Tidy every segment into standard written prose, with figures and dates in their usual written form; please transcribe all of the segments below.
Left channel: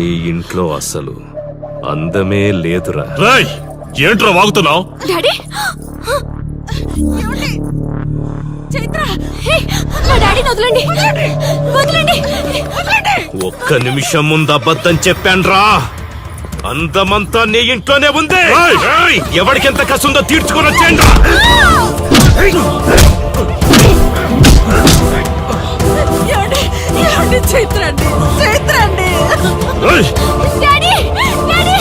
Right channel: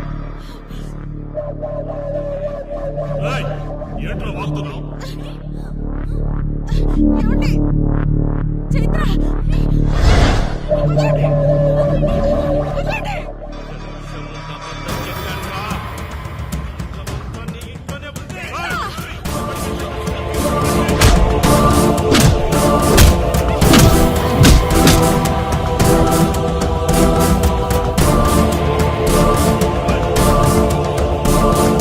నీ ఇంట్లో అసలు అందమే లేదురా. ఏంట్రా వాగుతున్నావు? డాడీ చైత్ర, మా డాడీని వదలండి, వదలండి. ఒక్క నిమిషం ముందు అబద్ధం చెప్పాన్రా. అందమంతా నీ ఇంట్లోనే ఉంది. ఎవరికెంత కసుందో తీర్చుకొని వచ్చేయండి. చైత్ర చైత్ర డాడీ, డాడీ వదలు,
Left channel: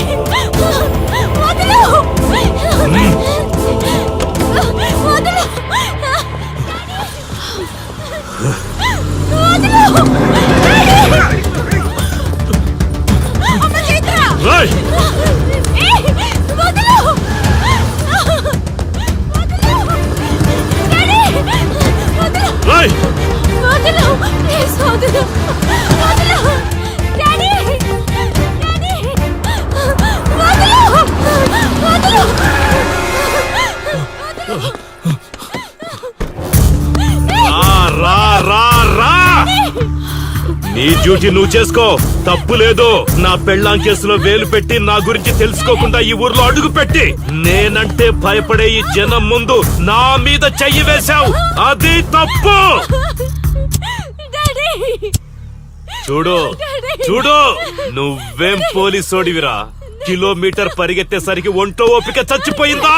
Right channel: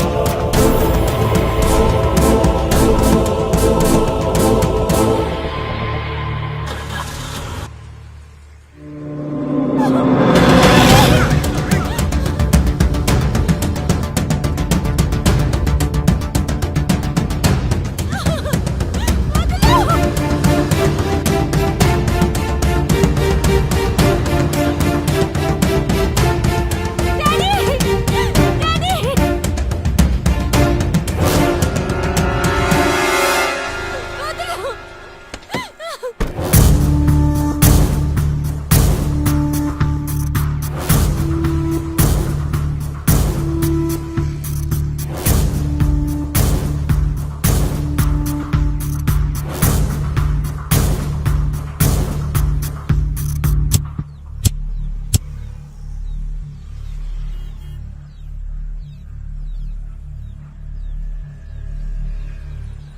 నువ్వు చేసుకో, తప్పు లేదు. నా పెళ్ళాం కేసులో వేలు పెట్టి నా గురించి తెలుసుకోకుండా ఈ ఊర్లో అడుగు పెట్టి నేనంటే భయపడే ఈ జనం ముందు నా మీద చెయ్యి వేశావు. అది తప్పు. చూడు చూడు, నువ్వేం పోలీసోడివిరా. కిలోమీటర్ పరిగెత్తేసరికి ఒంటో ఓపిక చచ్చిపోయిందా?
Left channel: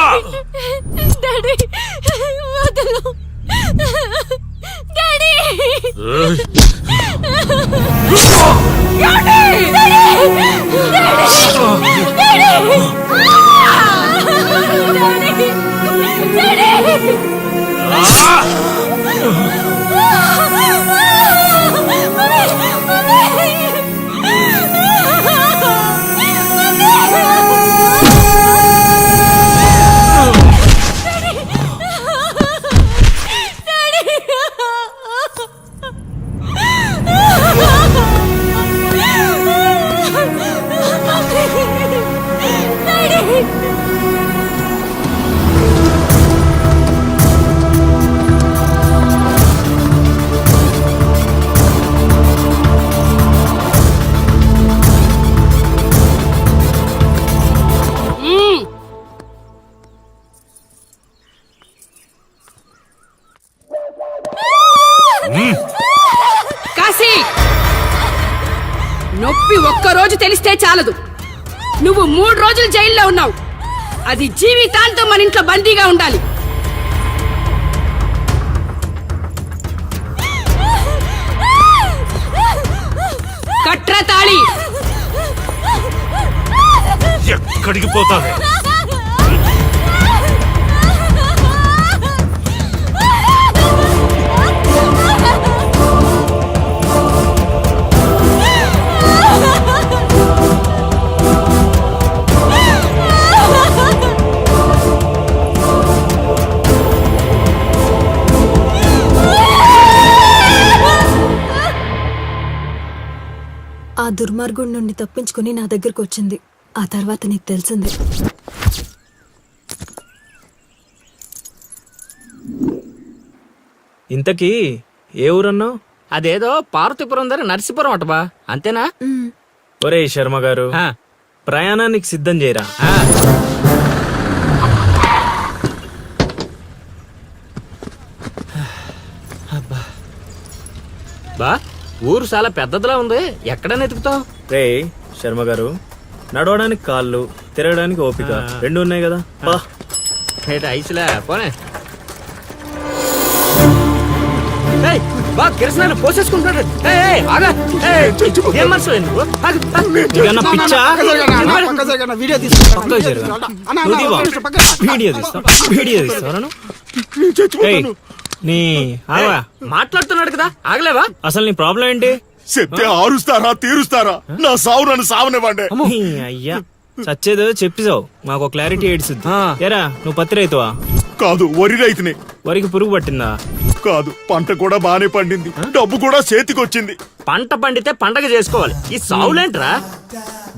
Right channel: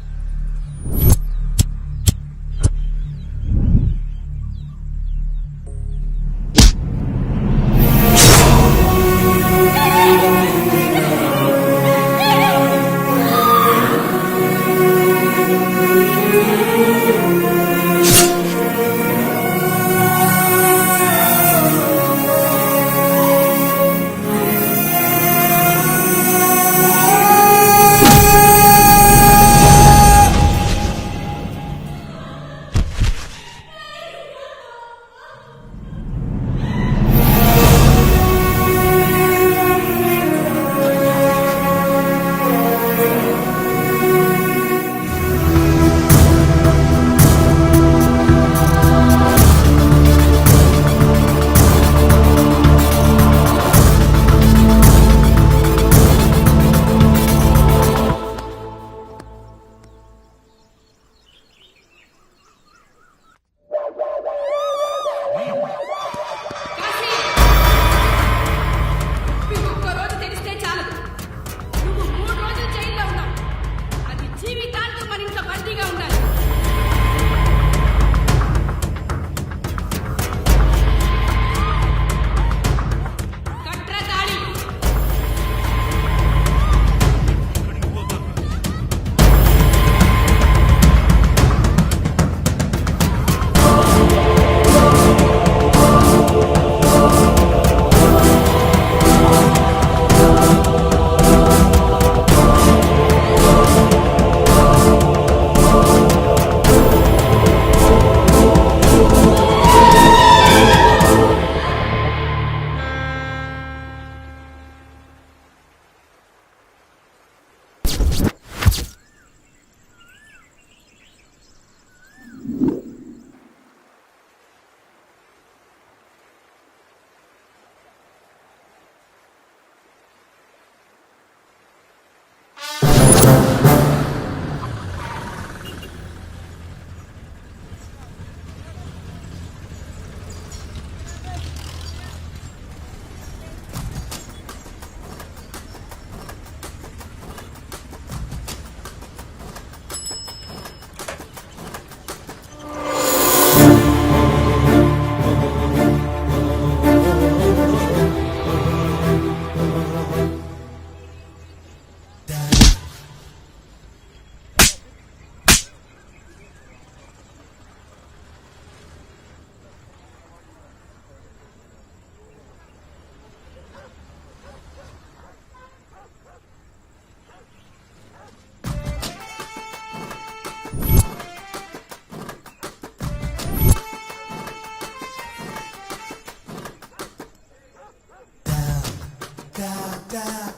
నొప్పి ఒక్కరోజు తెలిస్తే చాలదు. నువ్వు 3 రోజులు జైల్లో ఉన్నావు. అది జీవితాంతం మన ఇంట్లో బందీగా ఉండాలి. కట్రా తాళి. ఎక్కడికి పోతావే? ఆ దుర్మార్గుడి నుండి తప్పించుకుని నా దగ్గరకు వచ్చింది. ఆ తర్వాత నీకు తెలిసింది. ఇంతకీ ఏ ఊరన్నావు? అదేదో పార్వతీపురం దగ్గర నరసీపురం అటబా, అంతేనా? ఒరే శర్మ గారు, ప్రయాణానికి సిద్ధం చేయరా. బా, ఊరు చాలా పెద్దదిలా ఉంది. ఎక్కడైనా ఎతుకుతావు? రే శర్మ గారు, నడవడానికి కాళ్ళు, తిరగడానికి ఓపిక 2 ఉన్నాయి కదా. ఐసులే పోనే. పోసేసుకుంటారు. మాట్లాడుతున్నాడు కదా, ఆగలేవా? అసలు నీ ప్రాబ్లం ఏంటి? చెప్తే ఆరుస్తారా తీరుస్తారా? నా సావు నన్ను సావనివ్వండి. అయ్యా చచ్చేదో చెప్పిసావు, మాకు క్లారిటీ ఏడ్చుద్ది. ఏరా, నువ్వు పత్తి రైతువా? కాదు, వరి రైతుని. వరికి పురుగు పట్టిందా? కాదు, పంట కూడా బానే పండింది, డబ్బు కూడా చేతికొచ్చింది. పంట పండితే పండగ చేసుకోవాలి. ఈ సావులేంట్రా?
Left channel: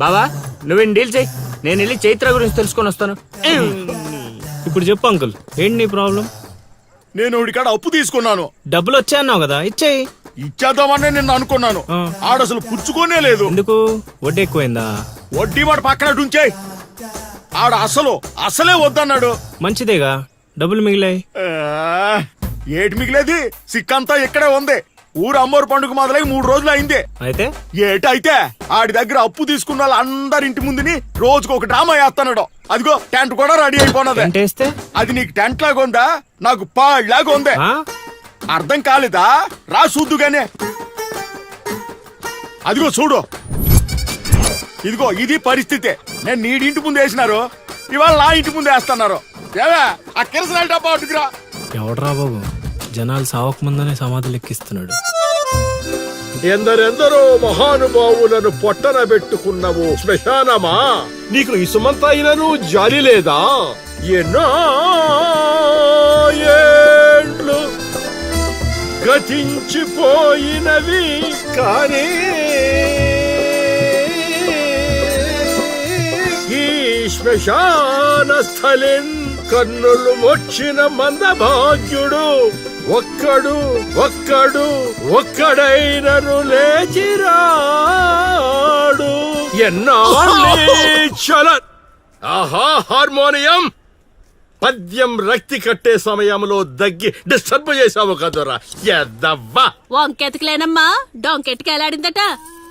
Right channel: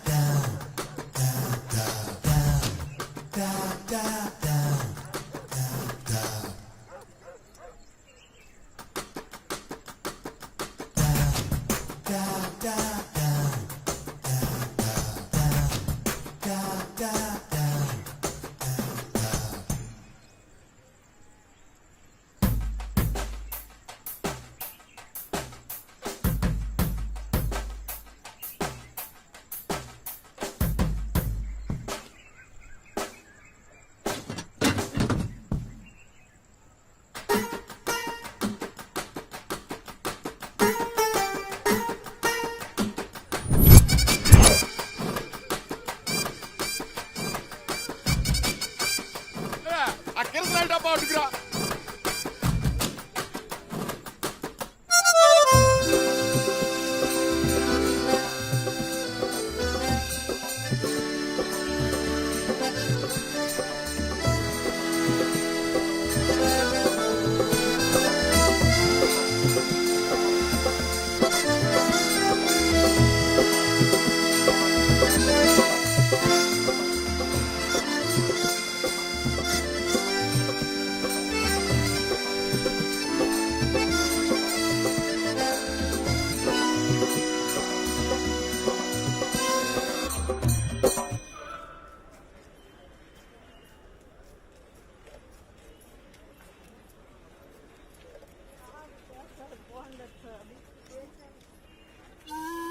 బావా, నువ్వు డీల్ చేయి, నేను వెళ్ళి చైత్ర గురించి తెలుసుకొని వస్తాను. ఇప్పుడు చెప్పు అంకుల్, ఏంటి నీ ప్రాబ్లం? నేను ఉడికాడ అప్పు తీసుకున్నాను. డబ్బులు వచ్చాయన్నావు కదా, ఇచ్చేయి. ఇచ్చేద్దామని నిన్న అనుకున్నాను. ఆ. ఆడసలు పుచ్చుకోనే లేదు. ఎందుకు? వడ్డీ ఎక్కువైందా? వడ్డీ వాడు పక్కన ఉంచే. ఆడ అసలే వద్దన్నాడు. మంచిదేగా, డబ్బులు మిగిలాయి. ఆ, ఏటి మిగిలేది? సిక్కంతా ఇక్కడే ఉంది. ఊరు అమ్మోరు పండుగ మొదలై 3 రోజులు అయింది. అయితే ఏటైతే ఆడి దగ్గర అప్పు తీసుకున్న వాళ్ళు అందరి ఇంటి ముందుని రోజుకు ఒక డ్రామా వేస్తున్నాడు. అదిగో టెంట్ కూడా రెడీ అయిపోయినది. ఏంటేస్తే? అది నీకు టెంట్ లాగా ఉందా, నాకు పాళ్ళలాగా ఉంది. ఆ? అర్థం కాలేదా? రా చూద్దుగానే. అదిగో చూడు, ఇదిగో ఇది పరిస్థితి. నేను నీడింటి ముందు వేసినారు, ఇవాళ నా ఇంటి ముందు వేస్తున్నారు. ఏవే ఆ కిరసనాల డబ్బా అటుకురా. ఎవడరా బాబు, జనాలు సావక ముందనే సమాధులు ఎక్కిస్తున్నాడు. ఎందరెందరో మహానుభావులను పొట్టన పెట్టుకున్నావు శ్మశానమా, నీకు ఇసుమంతైనను జాలి లేదా? ఎన్నో ఏండ్లు గతించిపోయినవి కానీ ఈ శ్మశాన స్థలిన్ కన్నులు వచ్చిన మందభాగ్యుడు ఒక్కడైనను లేచిరాడు. చల ఆహా హార్మోనియం పద్యం రక్తి కట్టే సమయంలో దగ్గి డిస్టర్బ్ చేసావు కదరా ఎద్దవ్వా. వంకెతకలేనమ్మా, డొంకెట్టుకు ఎలాడిందట.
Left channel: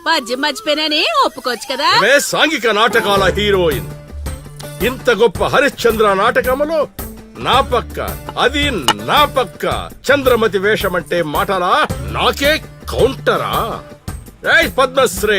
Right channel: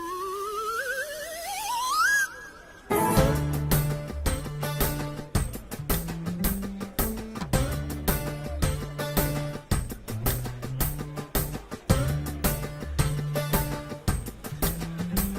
పద్యం మర్చిపోయినని ఒప్పుకోవచ్చు కదా. అవే సాంఘిక నాటకాల హీరోయిన్. ఇంత గొప్ప హరిశ్చంద్ర నాటకములో నా పక్క అది నా పక్క చంద్రమతి వేషమంటే మాటలా, నాకే కౌంటరా? పద్మశ్రీ